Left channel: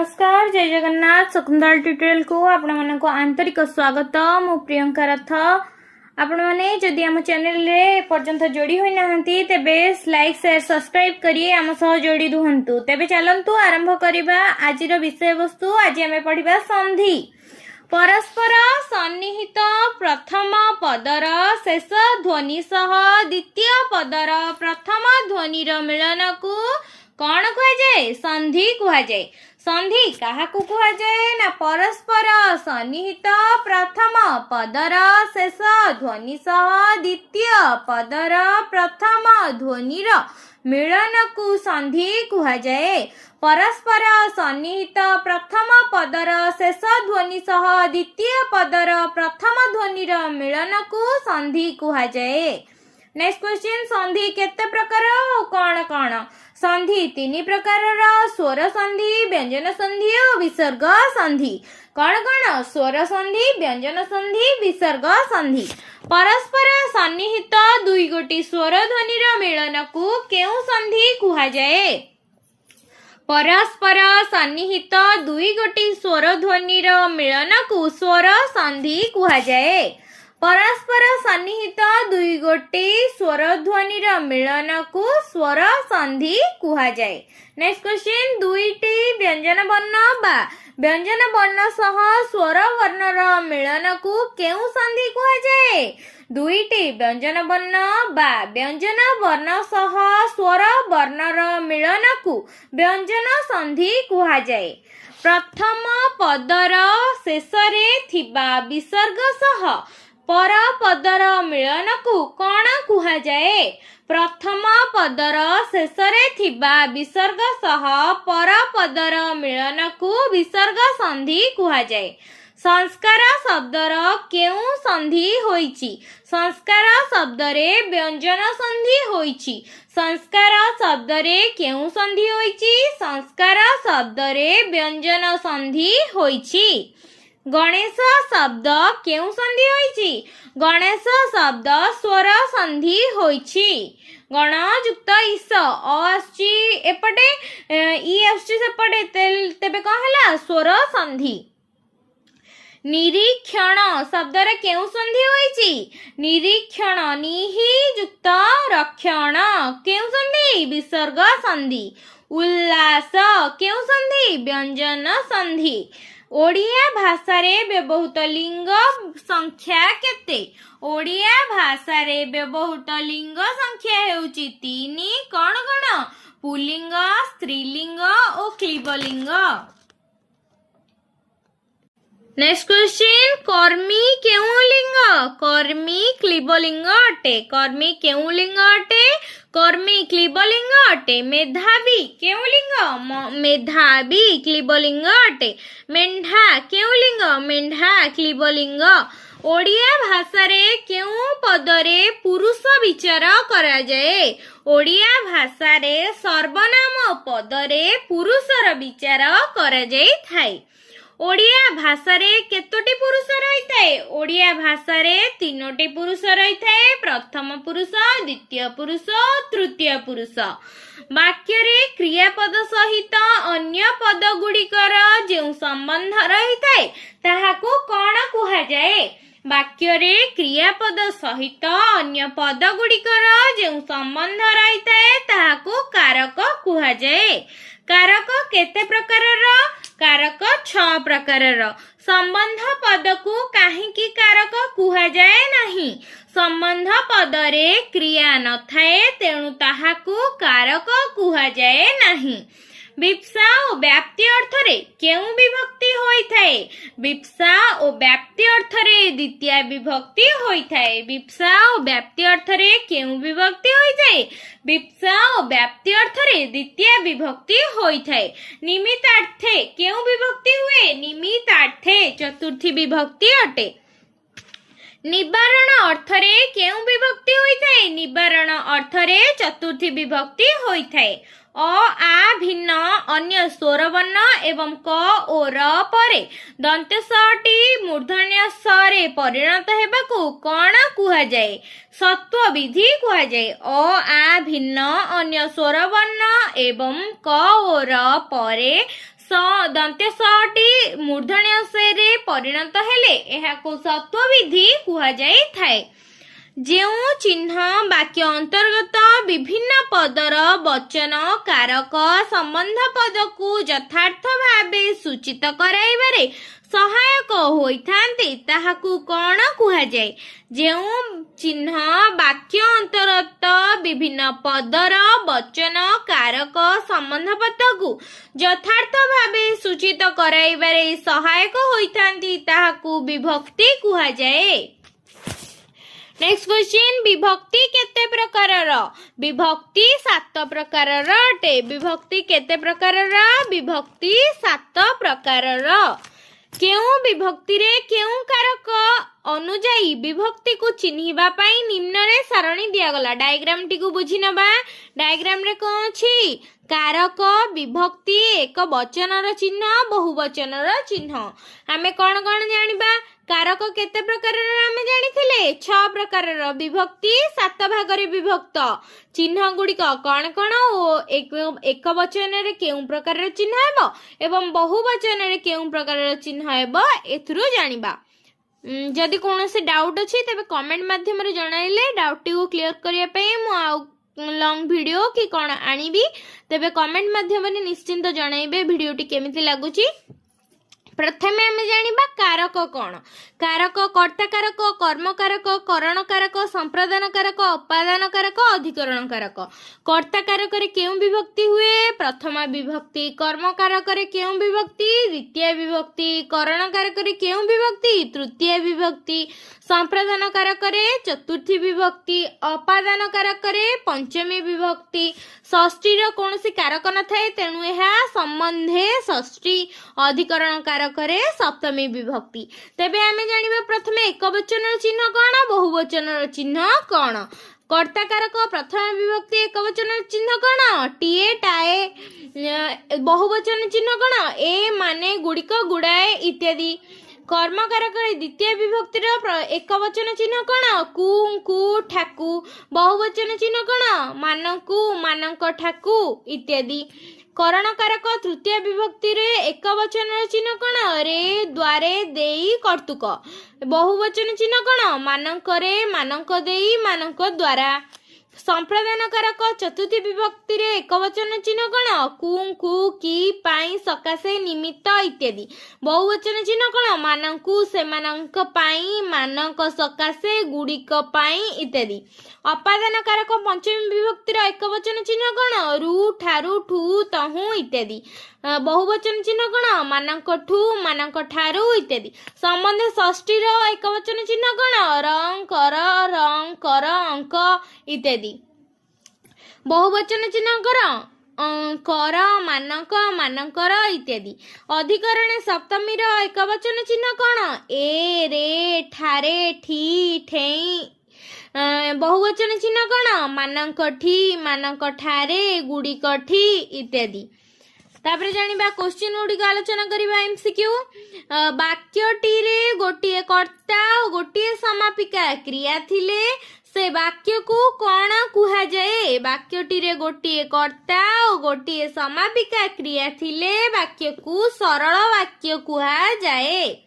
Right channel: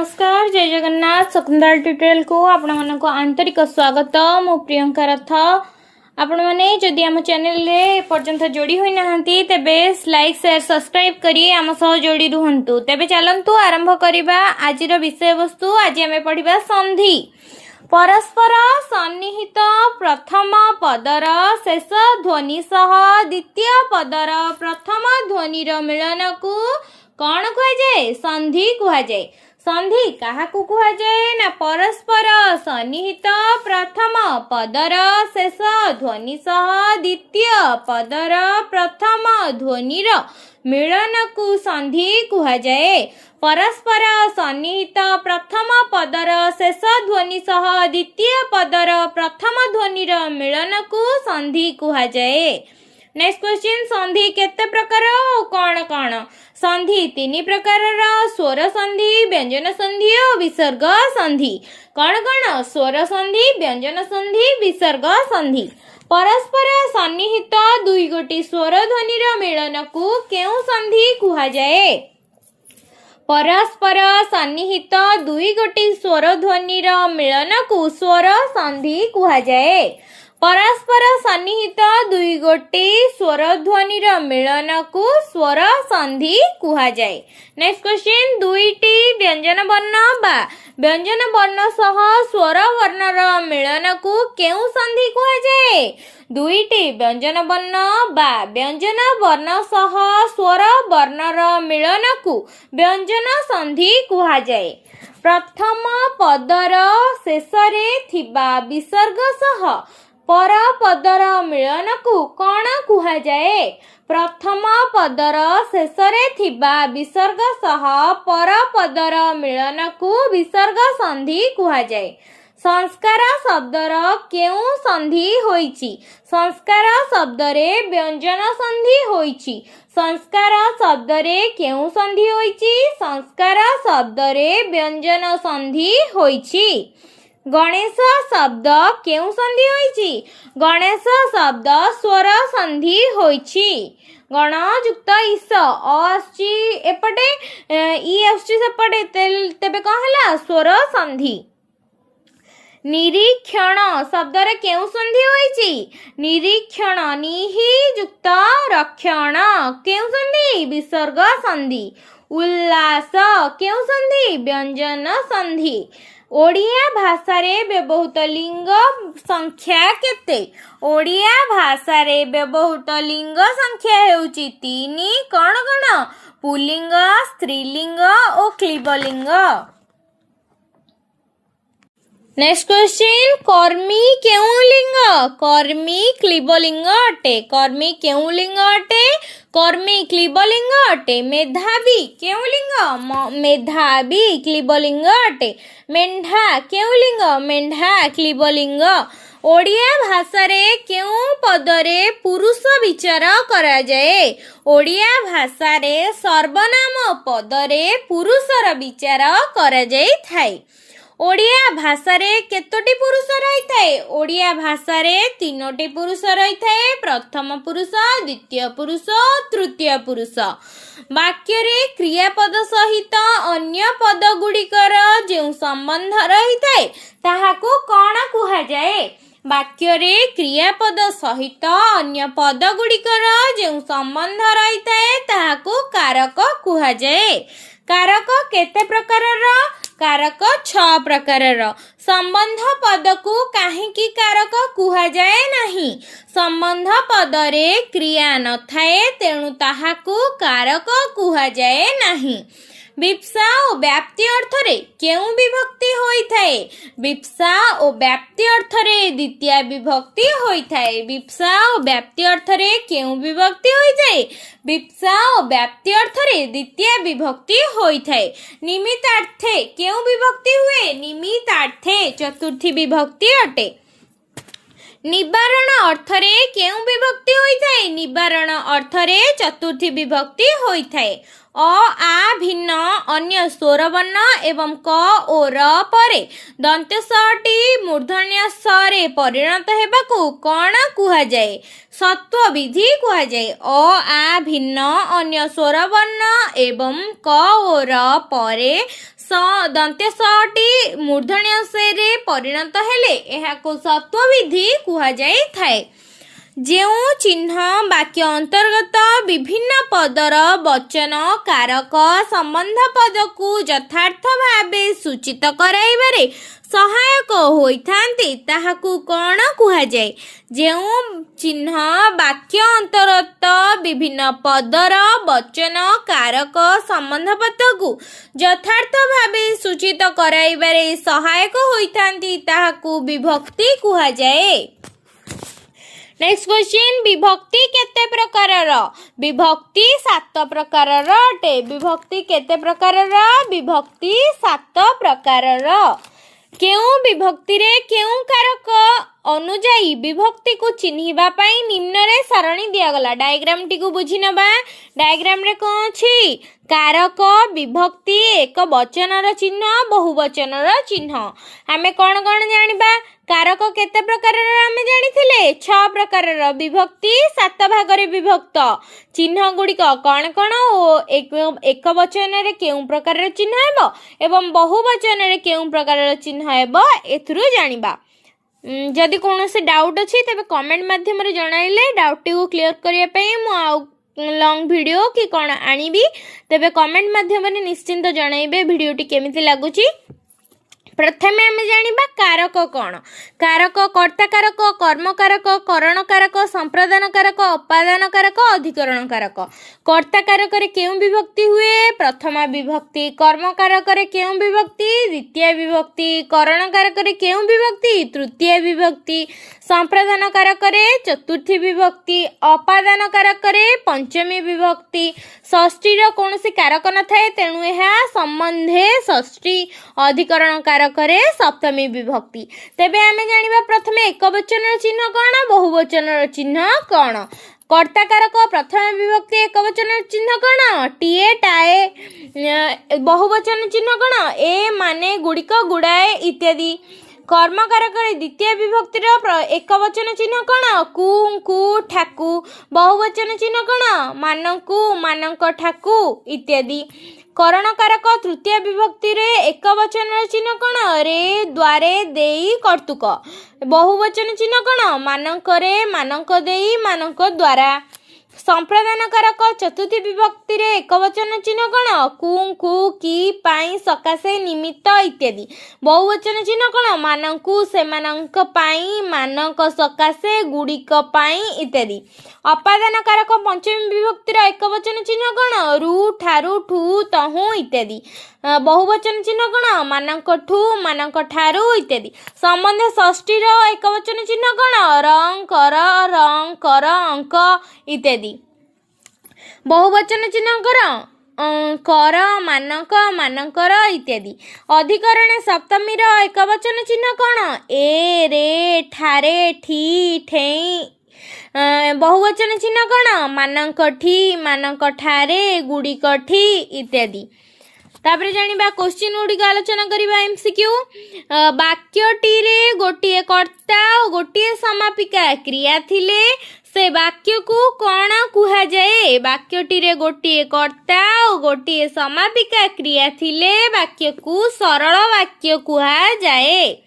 नमस्कार जय जगन्नाथ शकुंतला ट्यूटोरियल को आपण मानक आंतरिक स्वागत। मु प्रियंका रथ। आपण माने जदि आम चैनल रे पर्यंत जोड़ी होई नाहंती तेबे लाइक शेयर सब्सक्राइब करी आम सह जोड़ी रुहंतु। तेबे चलंतु आरंभ करिबा आजिर विषय वस्तु। आज आमे पढ़िबा संधि। परस्पर सन्निहित प्रथम पदर शेष ध्वनि सह द्वितीय पदर प्रथम ध्वनिर मिलन को कौन कह जाए? संधि कह जाए। संधि काहाकू कह जाए ना परस्पर सन्निहित प्रथम पदर शेष ध्वनि सह द्वितीय पदर प्रथम ध्वनिर मिलन को संधि कह जाए। परस्पर सन्निहित प्रथम पदर शेष ध्वनि सह द्वितीय पदर प्रथम ध्वनिर मिलन को संधि कह जाए। नेक्स्ट क्वेश्चन, संधि केते प्रकार और कौन कौन? संधि तीन प्रकार, स्वर संधि, व्यंजन संधि और विसर्ग संधि। कौन कौन? स्वर संधि, व्यंजन संधि, विसर्ग संधि। परस्पर सन्निहित दुई गोटी स्वर ध्वनिर मिलन को केउ संधि कह जाए? परस्पर सन्निहित दुई गोटी स्वर ध्वनिर मिलन को स्वर संधि कह जाए। परस्पर सन्निहित दुई गोटी स्वर ध्वनिर मिलन को स्वर संधि कह जाए। नेक्स्ट क्वेश्चन, दुईटी व्यंजन वर्ण बा व्यंजन वर्ण सह स्वर वर्णर मिलन को केउ संधि कह जाए? दुईटी व्यंजन वर्ण बा व्यंजन वर्ण सह स्वर वर्णर मिलन को व्यंजन संधि कह जाए। प्रथम पदर शेषरे थिबा विसर्ग सह पर पदर मिलन को कौन कह जाए? प्रथम पदर शेषरे थिबा विसर्ग सह पर पदर मिलन को विसर्ग संधि कह जाए। संस्कार शब्दर केउ संधि होइछि? संस्कार शब्दरे व्यंजन संधि होइछि। संस्कार शब्दरे केउ संधि होइछि? संस्कार शब्दरे व्यंजन संधि होइछि। गणेश शब्द केउ संधि होइछि? गणेश शब्द स्वर संधि होइछि। गण युक्त ईस आछि एपटे ई आछि सेपटे तेबे कौन हला? स्वर संधि। निरीक्षण शब्दरे केउ संधि होइछि? निरीक्षण निहि युक्त रक्षण केउ संधि? विसर्ग संधि। उल्लास केउ संधि? व्यंजन संधि। ओडिया भाषा रे व्यवहृत लिंग संख्या केते? ओडिया भाषा रे व्यवहृत लिंग संख्या हेउची तीनी। कौन कौन? पुल्लिंग, स्त्रीलिंग और क्लीबलिंग। नेक्स्ट क्वेश्चन, कर्मी केउ लिंग? कर्मी क्लीबलिंग अटे। कर्मी केउ लिंग अटे? कर्मी क्लीबलिंग अटे। मेधावी केउ लिंग? मेधावी क्लीबलिंग अटे। मेंढा केउ लिंग? मेंढा क्लीबलिंग। ओडिया भाषा रे केउ पदरे पुरुष विचार करा जाए? ओडिया भाषा रे सर्वनाम पदरे पुरुषर विचार करा जाई थाए। ओडिया भाषा रे केतोटी पुरुष रही थाए? ओडिया भाषा रे तीनोटी पुरुष रही थाए। प्रथम पुरुष, द्वितीय पुरुष, तृतीय पुरुष। वाक्य रे क्रियापद सहित अन्य पद गुड़िकर जो संबंध रही थाए ताहाको कौन कह जाए? वाक्य रे क्रियापद सहित अन्य पद गुड़िकर जो संबंध रही थाए ताहाको कारक कह जाए। कारक केते प्रकारर? कारक 6 प्रकारर। संबंध पद को काहेकि कारक कह जाए नहीं? संबंध पदरे क्रिया न थाए तेणु ताहाको कारक कह जाए नहीं। विप्सा और व्याप्ति अर्थ रे केउ विभक्ति होई थाए? विप्सा और व्याप्ति अर्थ रे द्वितीय विभक्ति होई थाए। विप्सा और व्याप्ति अर्थ रे केउ विभक्ति होई थाए? विप्सा और व्याप्ति अर्थ रे द्वितीय विभक्ति होई थाए। निमित्तार्थे केउ विभक्ति हुए? निमित्तार्थे चतुर्थी विभक्ति अटे। निवारण अर्थ रे केउ विभक्ति होई थाए? निवारण अर्थ रे चतुर्थी विभक्ति होई थाए। अ आ भिन्न अन्य स्वर वर्ण एवं क ओ र परे दंत टी मूर्धन्य स रे परिणत हेबाकू कौन कह जाए? सत्व विधि कह जाए। अ आ भिन्न अन्य स्वर वर्ण एवं क ओ र परे स दंत्य सटी मूर्धन्य से परिणत हेले एहाको सत्वविधि कुहा जाई थाए। जेउ चिन्ह वाक्य अंतर्गत विभिन्न पदर वचन कारक संबंध पद को यथार्थ भावे सूचित कराइबारे सहायक होइथांती ताहाकू कौन कुहा जाए। जेउ चिन्ह वाक्य अंतर्गत विभिन्न पदर वचन कारक संबंध पद को यथार्थ भावे सूचित कराइबारे सहायक होइथांती ताहाकू विभक्ति कुहा जाए। नेक्स्ट क्वेश्चन, विभक्ति केते प्रकारर? विभक्ति 7 प्रकारर अटे। विभक्ति केते प्रकारर? विभक्ति 7 प्रकारर। केउ विभक्ति रे केउ कारक अनुजाई विभक्ति को चिन्हिबा पई निम्न रे सारणी दिया गला। डायग्राम टी को बुझी नबा। डायग्राम रे कोन अछि? कारक विभक्ति एक वचनर चिन्ह बहुवचनर चिन्ह। आमे कोन कोन जानिबा? कारक केते प्रकारर आमे जानिथिले 6 प्रकारर। विभक्ति 7 भागरे विभक्त। चिन्ह गुड़िक कौन कौन ओ एक वचन रे केउ प्रकारर चिन्ह हेबो एवं बहुवचन रे केउ प्रकारर चिन्ह हेबो एथुरु जानिबा। जदि कोनोसी डाउट अछि तबे कमेंट माध्यम रे जणाइले डाउट टी को क्लियर करिया पई मु आ लॉन्ग वीडियो कि कोन आनिबी तबे कमेंट माध्यम रे निश्चिंत जणाइबे वीडियो टी केमिति लागुची। प्रथमे आमे जानिबा कारक कौन। कारक कर्ता कारक, कर्म कारक, करण कारक, संप्रदान कारक, उपादान कारक, अधिकरण कारक। कर्ता कारक रे केउ विभक्ति हुए? प्रथम विभक्ति। कर्म कारक रे केउ विभक्ति? द्वितीय विभक्ति। करण कारक रे केउ विभक्ति? तृतीय विभक्ति। संप्रदान कारक रे चतुर्थी विभक्ति। उपादान कारक रे पंचमी विभक्ति। षष्ठी रो कोनोसी कारक न थाए तेणु एहा संबंधे षष्ठी। अधिकरण कारक रे सप्तमी विभक्ति। तेबे आमे जानिबा प्रथमे एकवचन चिन्ह कोन, बहुवचन चिन्ह कोन। कर्ता कारक प्रथम विभक्ति एकवचन चिन्ह कोन? TA tie. बहुवचन चिन्ह कोन? ए माने गुड़िक गुड़ाए इत्यादि। कर्म कारक द्वितीय विभक्तिर एकवचन चिन्ह कोन? कु कु ठाकु। बहुवचन चिन्ह कोन? मानकु मानक ठाकु इत्यादि। करण कारक तृतीय विभक्ति रे एकवचन चिन्ह कोन? रे द्वारे देई कर्तुक। बहुवचन चिन्ह कोन? मानकरे मानक देई मानक द्वारा। संप्रदान कारक चतुर्थी विभक्ति रे एकवचन चिन्ह कोन? कु कु की पाई सकाशे निमित्त इत्यादि। बहुवचन चिन्ह कोन? मानकु सेमानंक पाई मानक सकाशे गुड़िक पाई इत्यादि। उपादान कारक पंचमी विभक्तिर एकवचन चिन्ह कोन? रु ठारु ठु तहु इत्यादि। बहुवचन चिन्ह कोन? मानक ठु मानक ठारु इत्यादि। संबंध षष्ठी रो एकवचन चिन्ह कोन? रं कर अंक इत्यादि। बहुवचन चिन्ह कर मानक मानकर इत्यादि। अधिकरण सप्तमी रो एकवचन चिन्ह कोन? ए रे ठारे ठी ठेई। बहुवचन चिन्ह कोन? मानक ठी मानक ठारे गुड़िक ठी इत्यादि। तापर जानिबा क्वेश्चन गुड़िक आलोचना करिबा एमसीक्यू। वाक्यटी रे गोटिए कर्ता और गोटिए समापिका क्रिया थिले से वाक्य को कौन कुहा जाए? वाक्यटी रे गोटिए कर्ता और गोटिए समापिका क्रिया थिले वाक्य को सरल वाक्य कुहा जाए।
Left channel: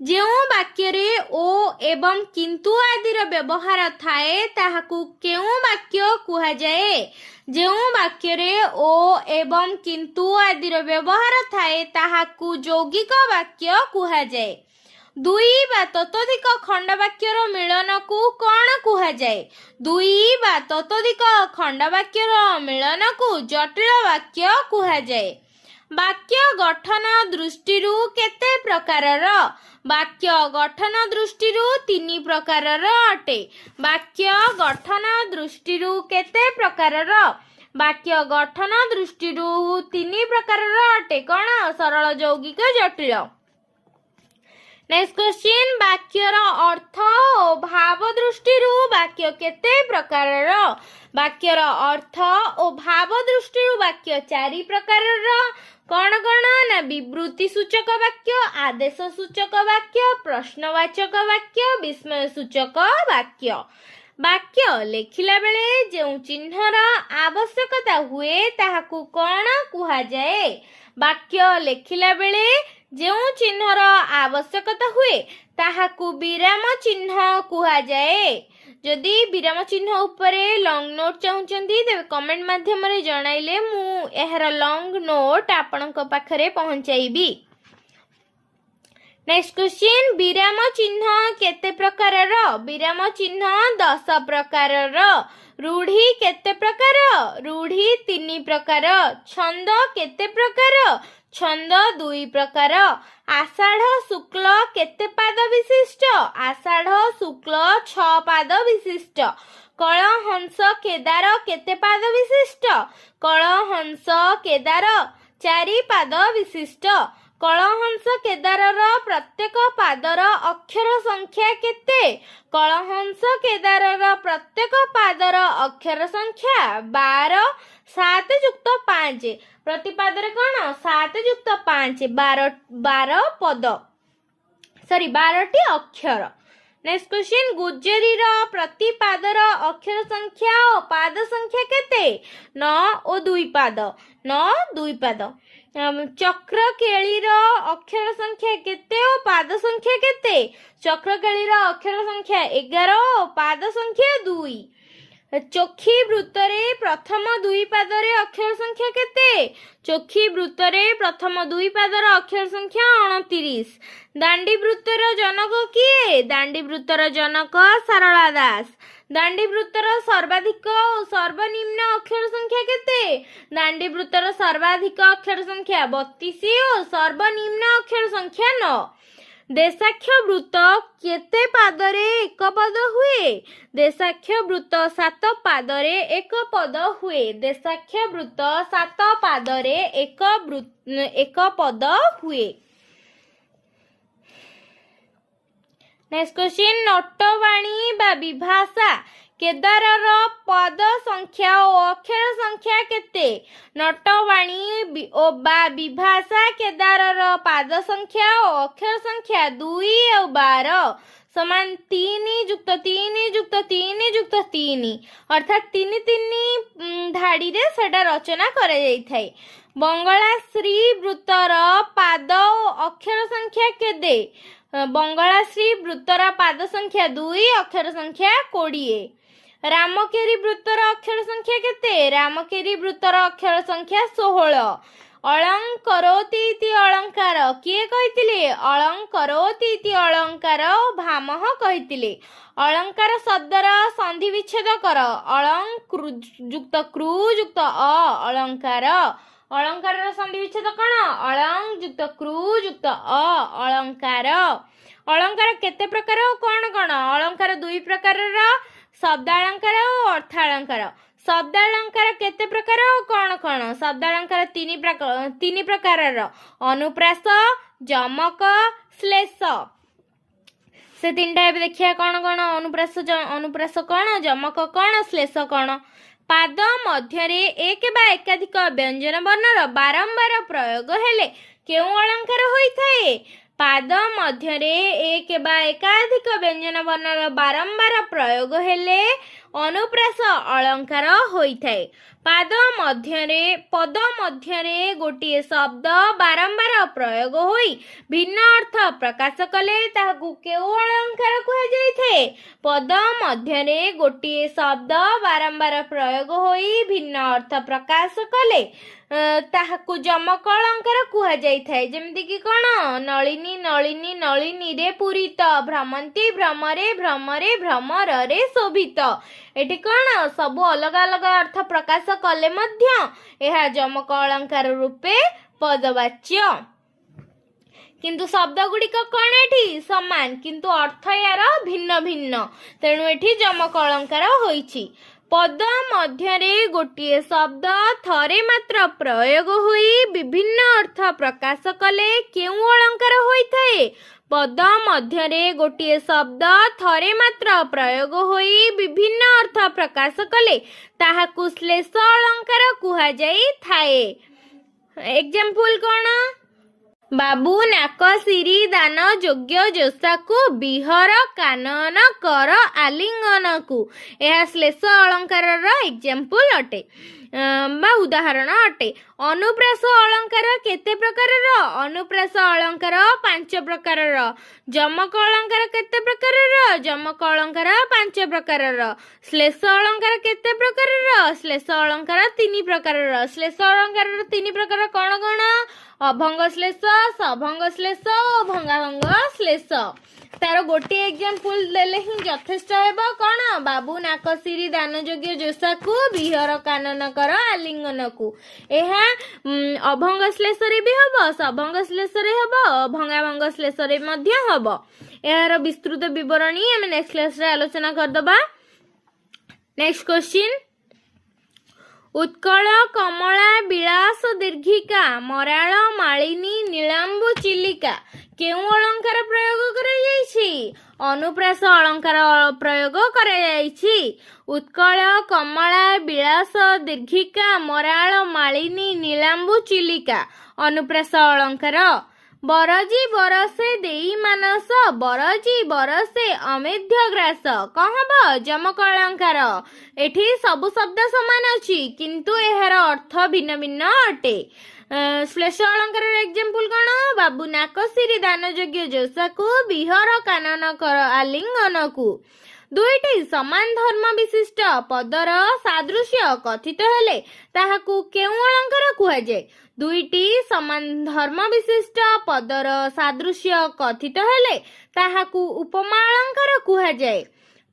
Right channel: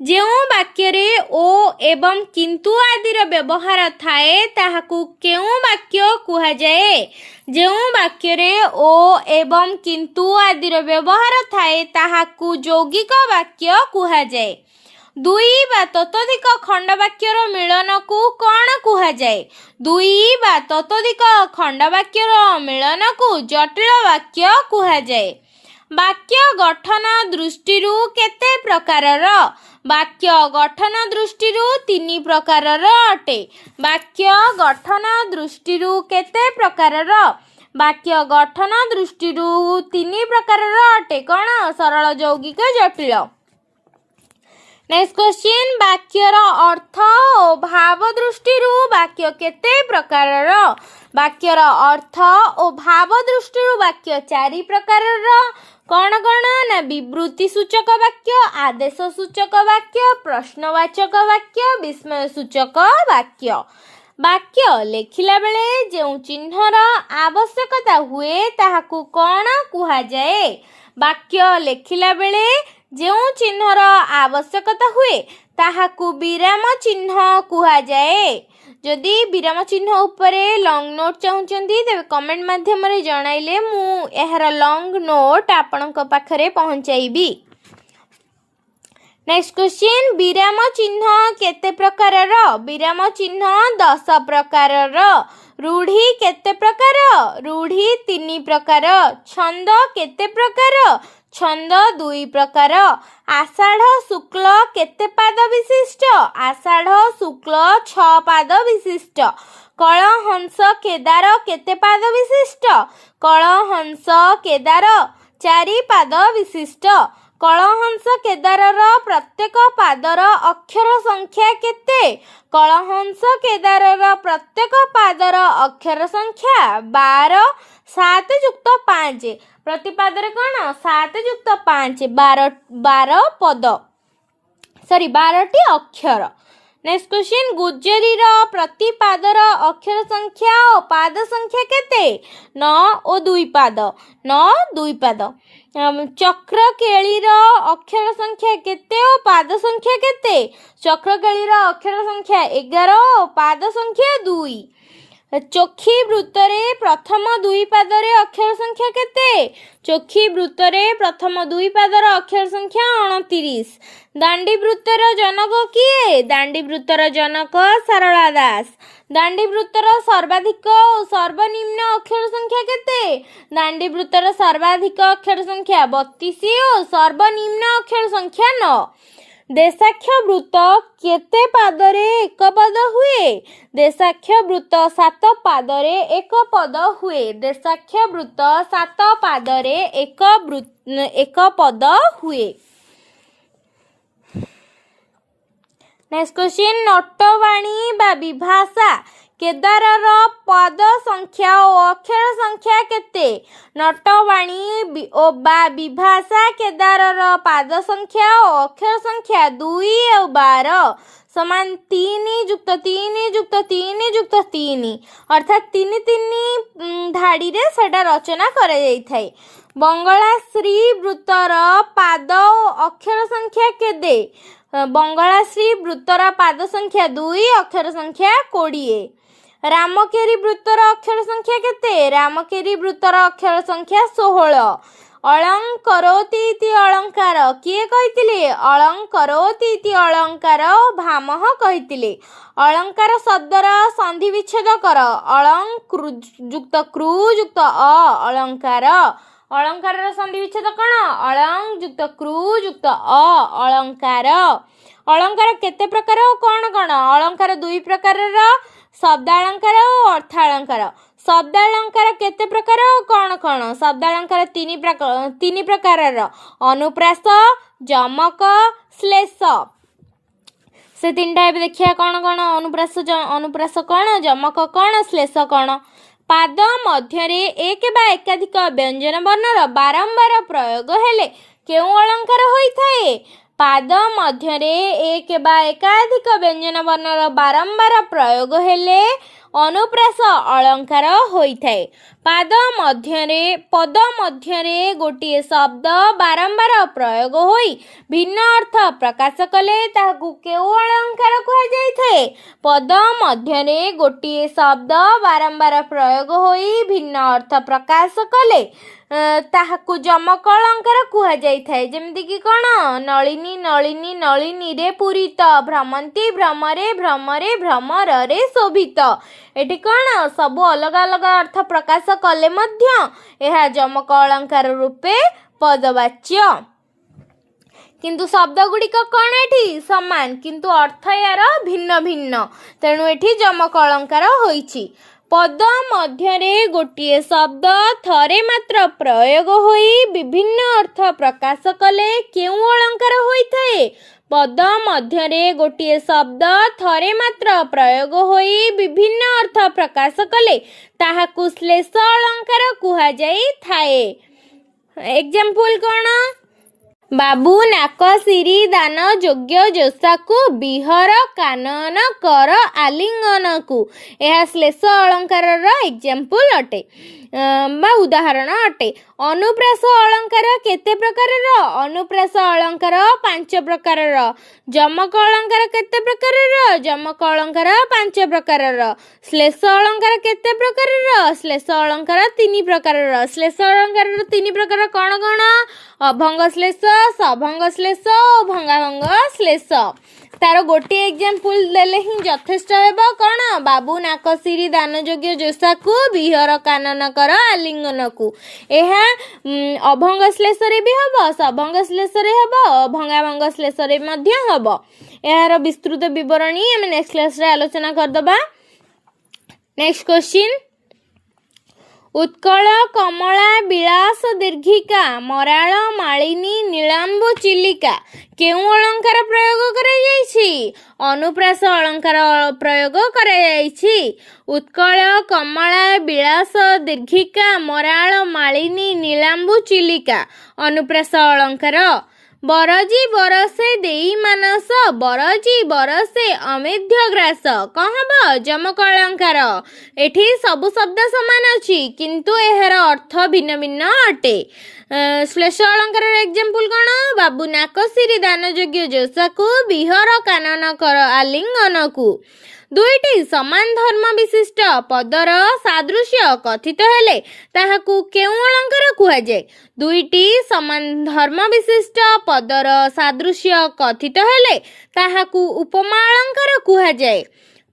जेउ वाक्य रे ओ एवं किंतु आदिर व्यवहार थाए ताहाकू केउ वाक्य कुहा जाए? जेउ वाक्य रे ओ एवं किंतु आदिर व्यवहार थाए ताहाकू यौगिक वाक्य कुहा जाए। दुई बा ततोधिक खंड वाक्यर मिलन को कौन कुहा जाए? दुई बा ततोधिक खंड वाक्यर मिलन को जटिल वाक्य कुहा जाए। वाक्य गठन दृष्टिरु केते प्रकारर? वाक्य गठन दृष्टिरु 3 प्रकारर अटे। वाक्य गठन दृष्टिरु केते प्रकारर? वाक्य गठन दृष्टिरु 3 प्रकारर अटे। कौन? सरल यौगिक जटिल। नेक्स्ट क्वेश्चन, वाक्यर अर्थ और भाव दृष्टिरु वाक्य केते प्रकारर? वाक्यर अर्थ और भाव दृष्टिरु वाक्य 4 प्रकारर। कौन कौन? ना विवृत्ति सूचक वाक्य, आदेश सूचक वाक्य, प्रश्नवाचक वाक्य, विस्मय सूचक वाक्य। वाक्य लेखिला बेले जो चिन्हर आवश्यकता हुए ताहाकू कौन कुहा जाए? ବାକ୍ୟ ଲେଖିଲା ବେଳେ ଯେଉଁ ଚିହ୍ନର ଆବଶ୍ୟକତା ହୁଏ ତାହାକୁ ବିରାମ ଚିହ୍ନ କୁହାଯାଏ। ଯଦି ବିରାମ ଚିହ୍ନ ଉପରେ ଲଙ୍ଗ ନୋଟ୍ ଚାହୁଁଛନ୍ତି ତେବେ କମେଣ୍ଟ ମାଧ୍ୟମରେ ଜଣାଇଲେ ମୁଁ ଏହାର ଲଙ୍ଗ ନୋଟ୍ ଆପଣଙ୍କ ପାଖରେ ପହଞ୍ଚାଇବି। ନେକ୍ସଟ କ୍ୱେଶ୍ଚିନ୍, ବିରାମ ଚିହ୍ନ କେତେ ପ୍ରକାରର? ବିରାମ ଚିହ୍ନ 10 ପ୍ରକାରର। ରୂଢ଼ି କେତେ ପ୍ରକାର? ରୂଢ଼ି 3 ପ୍ରକାର। ଛନ୍ଦ କେତେ ପ୍ରକାର? ଛନ୍ଦ 2 ପ୍ରକାର। ଆଷାଢ଼ ଶୁକ୍ଳ କେତେ ପାଦ ବିଶିଷ୍ଟ? ଆଷାଢ଼ ଶୁକ୍ଳ 6 ପାଦ ବିଶିଷ୍ଟ। କଳହଂସ କେଦାର କେତେ ପାଦ ବିଶିଷ୍ଟ? କଳହଂସ କେଦାର 4 ପାଦ ବିଶିଷ୍ଟ। କଳହଂସ କେଦାରର ପ୍ରତ୍ୟେକ ପାଦର ଅକ୍ଷର ସଂଖ୍ୟା କେତେ? କଳହଂସ କେଦାରର ପ୍ରତ୍ୟେକ ପାଦର ଅକ୍ଷର ସଂଖ୍ୟା 12, 7 ଯୁକ୍ତ 5। ପ୍ରତି ପାଦରେ କ'ଣ? 7 ଯୁକ୍ତ 5, 12 ପଦ, 12ଟି ଅକ୍ଷର। ନେକ୍ସଟ କ୍ୱେଶ୍ଚିନ୍, ଗୁଜ୍ଜରୀର ପ୍ରତି ପାଦର ଅକ୍ଷର ସଂଖ୍ୟା ଓ ପାଦ ସଂଖ୍ୟା କେତେ? 9 ଓ 2 ପାଦ, 9, 2 ପାଦ। ଚକ୍ରକେଳିର ଅକ୍ଷର ସଂଖ୍ୟା କେତେ ଓ ପାଦ ସଂଖ୍ୟା କେତେ? ଚକ୍ରକେଳିର ଅକ୍ଷର ସଂଖ୍ୟା 11 ଓ ପାଦ ସଂଖ୍ୟା 2। ଚୋଖୀ ବୃତ୍ତରେ ପ୍ରଥମ 2 ପାଦରେ ଅକ୍ଷର ସଂଖ୍ୟା କେତେ? ଚୋଖୀ ବୃତ୍ତରେ ପ୍ରଥମ 2 ପାଦର ଅକ୍ଷର ସଂଖ୍ୟା 29। ଦାଣ୍ଡି ବୃତ୍ତର ଜନକ କିଏ? ଦାଣ୍ଡି ବୃତ୍ତର ଜନକ ସାରଳା ଦାସ। ଦାଣ୍ଡି ବୃତ୍ତର ସର୍ବାଧିକ ଓ ସର୍ବନିମ୍ନ ଅକ୍ଷର ସଂଖ୍ୟା କେତେ? ଦାଣ୍ଡି ବୃତ୍ତର ସର୍ବାଧିକ ଅକ୍ଷର ସଂଖ୍ୟା 32 ଓ ସର୍ବନିମ୍ନ ଅକ୍ଷର ସଂଖ୍ୟା 9। ଦେଶାକ୍ଷ ବୃତ୍ତ କେତେ ପାଦରେ 1 ପଦ ହୁଏ? ଦେଶାକ୍ଷ ବୃତ୍ତ 7 ପାଦରେ 1 ପଦ ହୁଏ। ଦେଶାକ୍ଷ ବୃତ୍ତ 7 ପାଦରେ 1 ପଦ ହୁଏ। ନେକ୍ସଟ କ୍ୱେଶ୍ଚିନ୍, ନଟବାଣୀ ବା ବିଭାଷା କେଦାରର ପଦ ସଂଖ୍ୟା ଓ ଅକ୍ଷର ସଂଖ୍ୟା କେତେ? ନଟବାଣୀ ବା ବିଭାଷା କେଦାରର ପାଦ ସଂଖ୍ୟା ଓ ଅକ୍ଷର ସଂଖ୍ୟା 2 ଆଉ 12 ସମାନ 3 ଯୁକ୍ତ 3 ଯୁକ୍ତ 3 ଯୁକ୍ତ 3, ଅର୍ଥାତ୍ 3 ଧାଡ଼ିରେ ସେଟା ରଚନା କରାଯାଇଥାଏ। ବଙ୍ଗଳାଶ୍ରୀ ବୃତ୍ତର ପାଦ ଓ ଅକ୍ଷର ସଂଖ୍ୟା କେତେ? ବଙ୍ଗଳାଶ୍ରୀ ବୃତ୍ତର ପାଦ ସଂଖ୍ୟା 2, ଅକ୍ଷର ସଂଖ୍ୟା 20। ରାମକେରି ବୃତ୍ତର ଅକ୍ଷର ସଂଖ୍ୟା କେତେ? ରାମକେରି ବୃତ୍ତର ଅକ୍ଷର ସଂଖ୍ୟା 16। ଅଳଙ୍କରୋତି ଇତି ଅଳଙ୍କାର କିଏ କହିଥିଲେ? ଅଳଙ୍କରୋତି ଇତି ଅଳଙ୍କାର ଭାମହ କହିଥିଲେ। ଅଳଙ୍କାର ଶବ୍ଦର ସନ୍ଧି ବିଚ୍ଛେଦ କର। ଅଳଂ ଯୁକ୍ତ କୃ ଯୁକ୍ତ ଅ ଅଳଙ୍କାର। ଅଳଙ୍କାରର ସନ୍ଧି ବିଚ୍ଛେଦ କ'ଣ? ଅଳଂ ଯୁକ୍ତ କୃ ଯୁକ୍ତ ଅ ଅଳଙ୍କାର। ଅଳଙ୍କାର କେତେ ପ୍ରକାର ଓ କ'ଣ କ'ଣ? ଅଳଙ୍କାର 2 ପ୍ରକାରର, ଶବ୍ଦାଳଙ୍କାର ଓ ଅର୍ଥାଳଙ୍କାର। ଶବ୍ଦାଳଙ୍କାର କେତେ ପ୍ରକାର ଓ କ'ଣ କ'ଣ? ଶବ୍ଦାଳଙ୍କାର 3 ପ୍ରକାରର, ଅନୁପ୍ରାସ, ଯମକ, ଶ୍ଲେଷ। ସେ 3ଟା ଏବେ ଦେଖିବା କ'ଣ କ'ଣ? ଅନୁପ୍ରାସ କ'ଣ, ଯମକ କ'ଣ, ଶ୍ଲେଷ କ'ଣ? ପାଦ ମଧ୍ୟରେ 1 ବା ଏକାଧିକ ବ୍ୟଞ୍ଜନ ବର୍ଣ୍ଣର ବାରମ୍ବାର ପ୍ରୟୋଗ ହେଲେ କେଉଁ ଅଳଙ୍କାର ହୋଇଥାଏ? ପାଦ ମଧ୍ୟରେ 1 ବା ଏକାଧିକ ବ୍ୟଞ୍ଜନ ବର୍ଣ୍ଣର ବାରମ୍ବାର ପ୍ରୟୋଗ ହେଲେ ଅନୁପ୍ରାସ ଅଳଙ୍କାର ହୋଇଥାଏ। ପଦ ମଧ୍ୟରେ ଗୋଟିଏ ଶବ୍ଦ ବାରମ୍ବାର ପ୍ରୟୋଗ ହୋଇ ଭିନ୍ନ ଅର୍ଥ ପ୍ରକାଶ କଲେ ତାହାକୁ କେଉଁ ଅଳଙ୍କାର କୁହାଯାଇଥାଏ? ପଦ ମଧ୍ୟରେ ଗୋଟିଏ ଶବ୍ଦ ବାରମ୍ବାର ପ୍ରୟୋଗ ହୋଇ ଭିନ୍ନ ଅର୍ଥ ପ୍ରକାଶ କଲେ ତାହାକୁ ଯମକ ଅଳଙ୍କାର କୁହାଯାଇଥାଏ। ଯେମିତିକି କ'ଣ? ନଳିନୀ ନଳିନୀ ନଳିନୀରେ ପୂରିତ, ଭ୍ରମନ୍ତି ଭ୍ରମରେ ଭ୍ରମରେ ଭ୍ରମରରେ ଶୋଭିତ। ଏଠି କ'ଣ? ସବୁ ଅଲଗା ଅଲଗା ଅର୍ଥ ପ୍ରକାଶ କଲେ ମଧ୍ୟ ଏହା ଯମକ ଅଳଙ୍କାର ରୂପେ ପଦବାଚ୍ୟ। କିନ୍ତୁ ଶବ୍ଦ ଗୁଡ଼ିକ କ'ଣ ଏଠି ସମାନ, କିନ୍ତୁ ଅର୍ଥ ୟାର ଭିନ୍ନ ଭିନ୍ନ, ତେଣୁ ଏଠି ଯମକ ଅଳଙ୍କାର ହୋଇଛି। ପଦ ମଧ୍ୟରେ ଗୋଟିଏ ଶବ୍ଦ ଥରେ ମାତ୍ର ପ୍ରୟୋଗ ହୋଇ ବିଭିନ୍ନ ଅର୍ଥ ପ୍ରକାଶ କଲେ କେଉଁ ଅଳଙ୍କାର ହୋଇଥାଏ? ପଦ ମଧ୍ୟରେ ଗୋଟିଏ ଶବ୍ଦ ଥରେ ମାତ୍ର ପ୍ରୟୋଗ ହୋଇ ବିଭିନ୍ନ ଅର୍ଥ ପ୍ରକାଶ କଲେ ତାହାକୁ ଶ୍ଲେଷ ଅଳଙ୍କାର କୁହାଯାଇଥାଏ। ଏକ୍ସାମ୍ପଲ କ'ଣ? ବାବୁ ନାକ ସିରି ଦାନ ଯୋଗ୍ୟ ଜୋଷାକୁ ବିହର କାନନ କର ଆଲିଙ୍ଗନକୁ। ଏହା ଶ୍ଲେଷ ଅଳଙ୍କାରର ଏକ୍ସାମ୍ପଲ ଅଟେ। बा उदाहरण अटे। अनुप्रास अलंकार केते प्रकारर? अनुप्रास अलंकार 5 प्रकारर। जमक अलंकार केते प्रकारर? जमक अलंकार 5 प्रकारर। श्लेष अलंकार केते प्रकारर? श्लेष अलंकार 3 प्रकारर। श्लेष अलंकार 3 प्रकार कौन कौन? अभंग श्लेष, सभंग श्लेष और भंगाभंग श्लेष। तार गोटे एग्जाम्पल देले ही यथेष्ट हेब। कौन? बाबू नाकसिरी दानयोग्य जोसा को विहर कानन कर आलिंगन को। यह अभंग श्लेष रे भी हब, सभंग श्लेष रे हब, भंगाभंग श्लेष रे मध्य हब। यार विस्तृत विवरणी हम नेक्स्ट क्लास रे आलोचना करदबा। नेक्स्ट क्वेश्चन, उत्कल कमला विलास दीर्घिका मराल मालिनी नीलांबु चिलिका केउ अलंकार प्रयोग कराଯାଇଛି? अनुप्रास अलंकार प्रयोग कराଯାଇଛି। उत्कल कमला विलास दीर्घिका मराल मालिनी नीलांबु चिलिका अनुप्रास अलंकार। बरजी बरसे देई मानस, बरजी बरसे अमेध्य ग्रास कौन हम? जमक अलंकार। एठी सब शब्द समान अछि किंतु एहार अर्थ भिन्न भिन्न अटे। श्लेष अलंकार एग्जाम्पल कौन? बाबू नाकसिरी दानयोग्य जोसा को विहर कानन कर आलिंगन को। दुईटी समान धर्म विशिष्ट पदर सादृश्य कथित हेले ताहाकू केउ अलंकार कुहा जाय? दुईटी समान धर्म विशिष्ट पदर सादृश्य कथित हेले ताहाकू उपमा अलंकार कुहा जाय।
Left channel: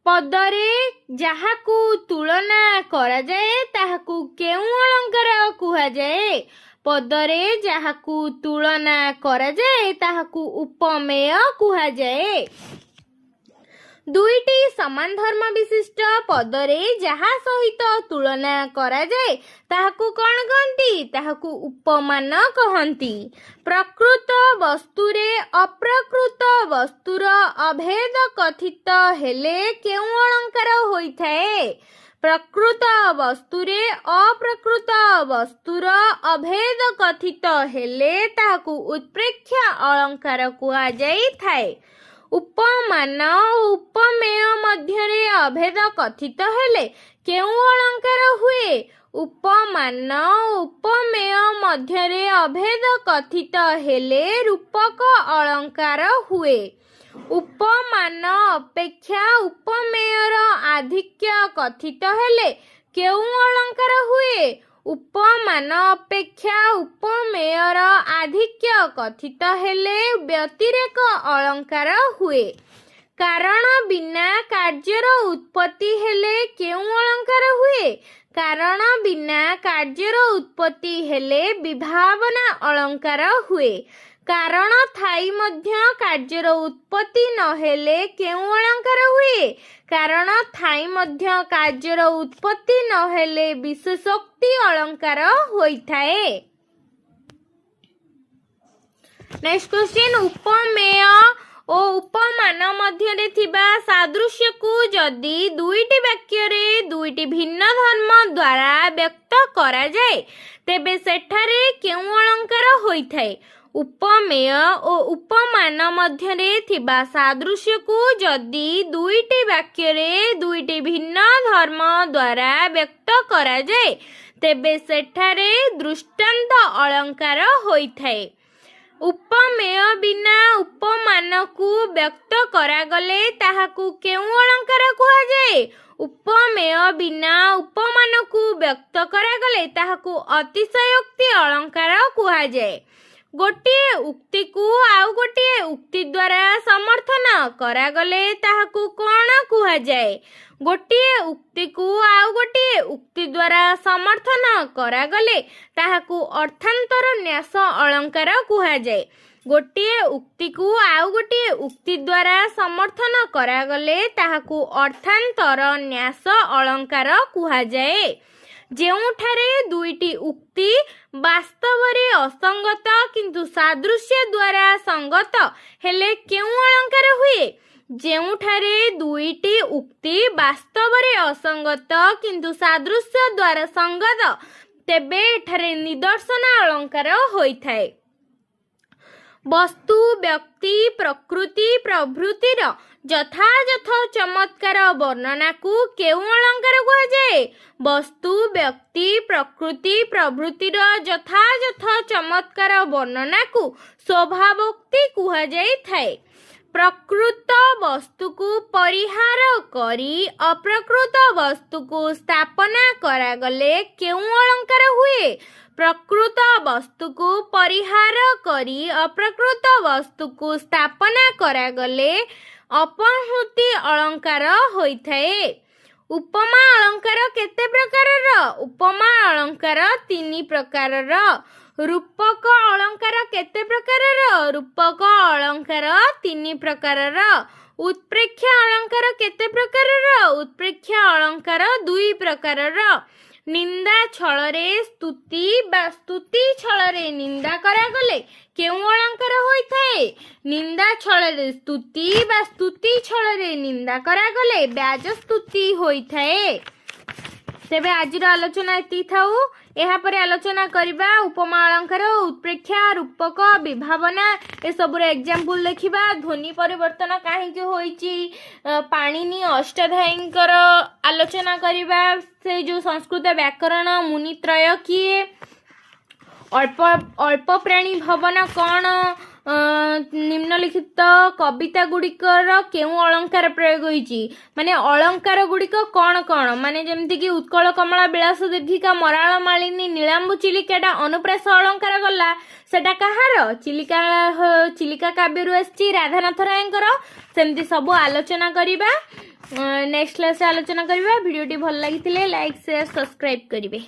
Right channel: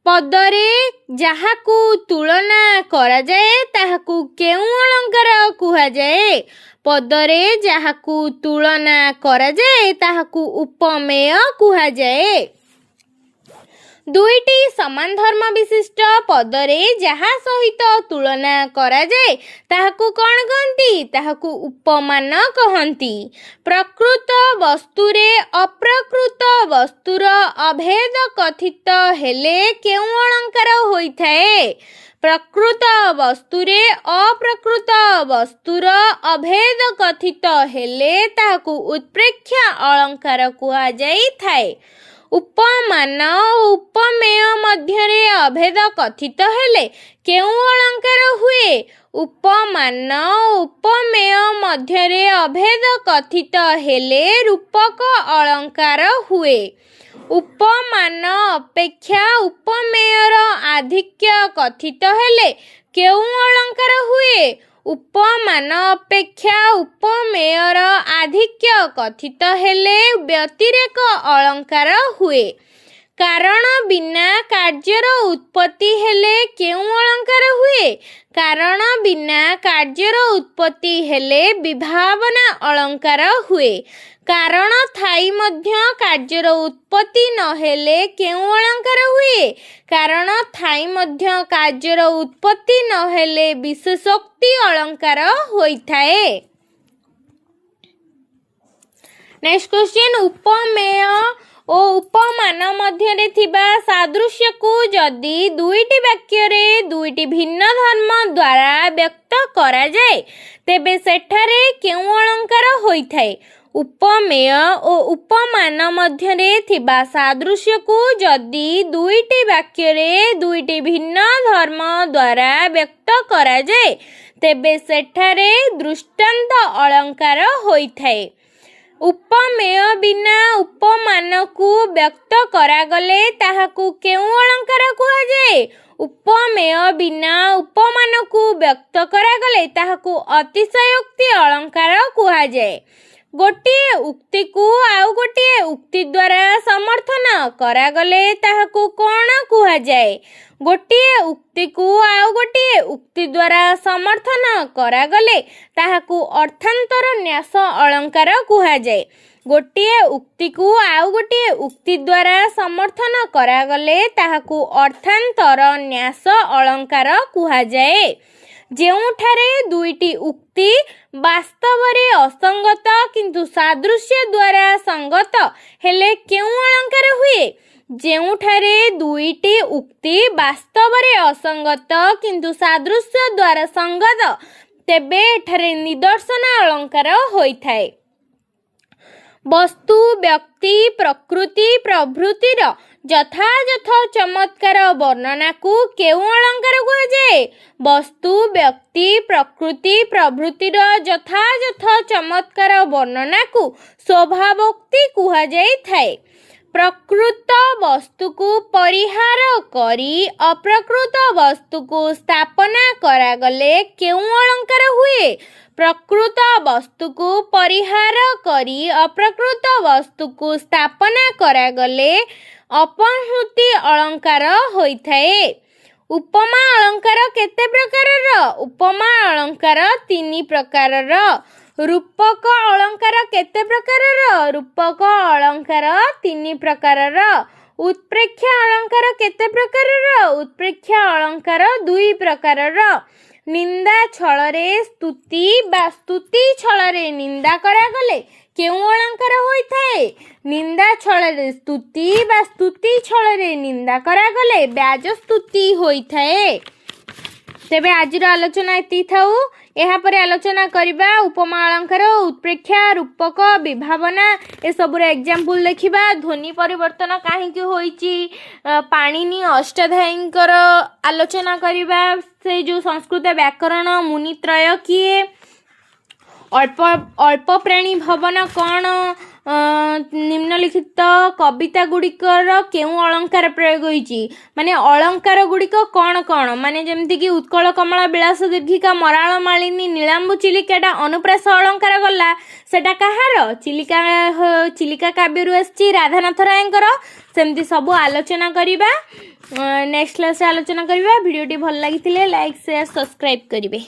पदरे जाहाकू तुलना करा जाए ताहाकू केउ अलंकार कुहा जाए? पदरे जाहाकू तुलना करा जाए ताहाकू उपमेय कुहा जाए। दुईटी समान धर्म विशिष्ट पदरे जहा सहित तुलना करा जाए ताहाकू कौन कहती? ताहाकू उपमान कहती। प्रकृत वस्तुरे अप्रकृत वस्तुर अभेद कथित हेले केउ अलंकार होइथाए? प्रकृत वस्तुरे अप्रकृत वस्तुर अभेद कथित हेले ताहाकू उत्प्रेक्ष्य अलंकार कुहा जाइथाए। उपमान उपमेय मध्यरे अभेद कथित हेले केउ अलंकार हुए? उपमान उपमेय मध्यरे अभेद कथित हेले रूपक अलंकार हुए। उपमान अपेक्षा उपमेयर आधिक्य कथित हेले केउ अलंकार हुए? उपमान अपेक्षा उपमेयर आधिक्य कथित हेले व्यतिरेक अलंकार हुए। कारण बिना कार्यर उत्पत्ति हेले केउ अलंकार हुए? कारण बिना कार्यर उत्पत्ति हेले विभावना अलंकार हुए। कारण थाई मध्य कार्यर उत्पत्ति न हेले केउ अलंकार हुए? कारण थाई मध्य कार्यर उत्पत्ति न हेले विशेषोक्ति अलंकार होइथाए। नेक्स्ट क्वेश्चन, उपमेय ओ उपमान मध्यरे थिबा सादृश्य को जदि दुईटी वाक्य रे दुईटी भिन्न धर्म द्वारा व्यक्त करा जाए तेबे सेठारे केउ अलंकार होइथाए? उपमेय ओ उपमान मध्यरे थिबा सादृश्य को जदि दुईटी वाक्य रे दुईटी भिन्न धर्म द्वारा व्यक्त करा जाए तेबे सेठारे दृष्टांत अलंकार होइथाए। उपमेय बिना उपमान को व्यक्त करागले ताहाकू केउ अलंकार कुहा जाए? उपमेय बिना उपमान को व्यक्त करागले ताहाकू अतिशयोक्ति अलंकार कुहा जाए। गोटिए उक्ति को आउ गोटिए उक्ति द्वारा समर्थन करागले ताहाकू कौन कुहा जाए? गोटिए उक्ति को आउ गोटिए उक्ति द्वारा समर्थन करागले ताहाकू अर्थांतर न्यास अलंकार कुहा जाए। गोटिए उक्ति को आउ गोटिए उक्ति द्वारा समर्थन करागले ताहाकू अर्थांतर न्यास अलंकार कुहा जाए। ଯେଉଁଠାରେ ଦୁଇଟି ଉକ୍ତି ବାସ୍ତବରେ ଅସଙ୍ଗତ କିନ୍ତୁ ସାଦୃଶ୍ୟ ଦ୍ୱାରା ସଙ୍ଗତ ହେଲେ କେଉଁ ଅଳଙ୍କାର ହୁଏ? ଯେଉଁଠାରେ ଦୁଇଟି ଉକ୍ତି ବାସ୍ତବରେ ଅସଙ୍ଗତ କିନ୍ତୁ ସାଦୃଶ୍ୟ ଦ୍ୱାରା ସଙ୍ଗତ ତେବେ ଏଠାରେ ନିଦର୍ଶନ ଅଳଙ୍କାର ହୋଇଥାଏ। ବସ୍ତୁ ବ୍ୟକ୍ତି ପ୍ରକୃତି ପ୍ରଭୃତିର ଯଥାଯଥ ଚମତ୍କାର ବର୍ଣ୍ଣନାକୁ କେଉଁ ଅଳଙ୍କାର କୁହାଯାଏ? ବସ୍ତୁ, ବ୍ୟକ୍ତି, ପ୍ରକୃତି ପ୍ରଭୃତିର ଯଥାଯଥ ଚମତ୍କାର ବର୍ଣ୍ଣନାକୁ ସ୍ୱଭାବୋକ୍ତି କୁହାଯାଇଥାଏ। ପ୍ରକୃତ ବସ୍ତୁକୁ ପରିହାର କରି ଅପ୍ରକୃତ ବସ୍ତୁକୁ ସ୍ଥାପନା କରାଗଲେ କେଉଁ ଅଳଙ୍କାର ହୁଏ? ପ୍ରକୃତ ବସ୍ତୁକୁ ପରିହାର କରି ଅପ୍ରକୃତ ବସ୍ତୁକୁ ସ୍ଥାପନା କରାଗଲେ ଅପହୃତି ଅଳଙ୍କାର ହୋଇଥାଏ। ଉପମା ଅଳଙ୍କାର କେତେ ପ୍ରକାରର? ଉପମା ଅଳଙ୍କାର 3 ପ୍ରକାରର। ରୂପକ ଅଳଙ୍କାର କେତେ ପ୍ରକାରର? ରୂପକ ଅଳଙ୍କାର 3 ପ୍ରକାରର। ଉତ୍ପ୍ରେକ୍ଷା ଅଳଙ୍କାର କେତେ ପ୍ରକାରର? ଉତ୍ପ୍ରେକ୍ଷା ଅଳଙ୍କାର 2 ପ୍ରକାରର। ନିନ୍ଦା ଛଳରେ ସ୍ତୁତି ବା ସ୍ତୁତି ଛଳରେ ନିନ୍ଦା କରାଗଲେ କେଉଁ ଅଳଙ୍କାର ହୋଇଥାଏ? ନିନ୍ଦା ଛଳରେ ସ୍ତୁତି ବା ସ୍ତୁତି ଛଳରେ ନିନ୍ଦା କରାଗଲେ ବ୍ୟାଜସ୍ତୁତି ହୋଇଥାଏ। ତେବେ ଆଜିର ଆଲୋଚନା ଏତିକି ଥାଉ। ଏହାପରେ ଆଲୋଚନା କରିବା ଉପମା ଅଳଙ୍କାର, ଉତ୍ପ୍ରେକ୍ଷା, ରୂପକ, ବିଭାବନା ଏସବୁର ଏକ୍ଜାମ୍ପଲ ଦେଖିବା। ଧ୍ୱନି ପରିବର୍ତ୍ତନ କାହିଁକି ହୋଇଛି, ପାଣିନି ଅଷ୍ଟାଧ୍ୟାୟୀଙ୍କର ଆଲୋଚନା କରିବା। ସେ ଯେଉଁ ସଂସ୍କୃତ ବ୍ୟାକରଣ ମୁନିତ୍ରୟ କିଏ? ଅଳ୍ପ ପ୍ରାଣୀ ଭବନ କ'ଣ? ନିମ୍ନଲିଖିତ କବିତା ଗୁଡ଼ିକର କେଉଁ ଅଳଙ୍କାର ପ୍ରୟୋଗ ହୋଇଛି? ମାନେ ଅଳଙ୍କାର ଗୁଡ଼ିକ କ'ଣ କ'ଣ? ମାନେ ଯେମିତିକି ଉତ୍କଳ କମଳା ବିଳାସ ଦୀର୍ଘିକା ମରାଳ ମାଳିନୀ ନୀଳାମ୍ବୁ ଚିଲିକାଟା ଅନୁପ୍ରାସ ଅଳଙ୍କାର ଗଲା, ସେଟା କାହାର? ଚିଲିକା କାବ୍ୟରୁ ଆସିଛି, ରାଧାନାଥ ରାୟଙ୍କର। ସେମିତି ସବୁ ଆଲୋଚନା କରିବା। ନେକ୍ସଟ କ୍ଲାସରେ ଆଲୋଚନା କରିବା। ଭିଡ଼ିଓଟି ଭଲ ଲାଗିଥିଲେ ଲାଇକ୍, ସେୟାର, ସବସ୍କ୍ରାଇବ୍ କରିବେ।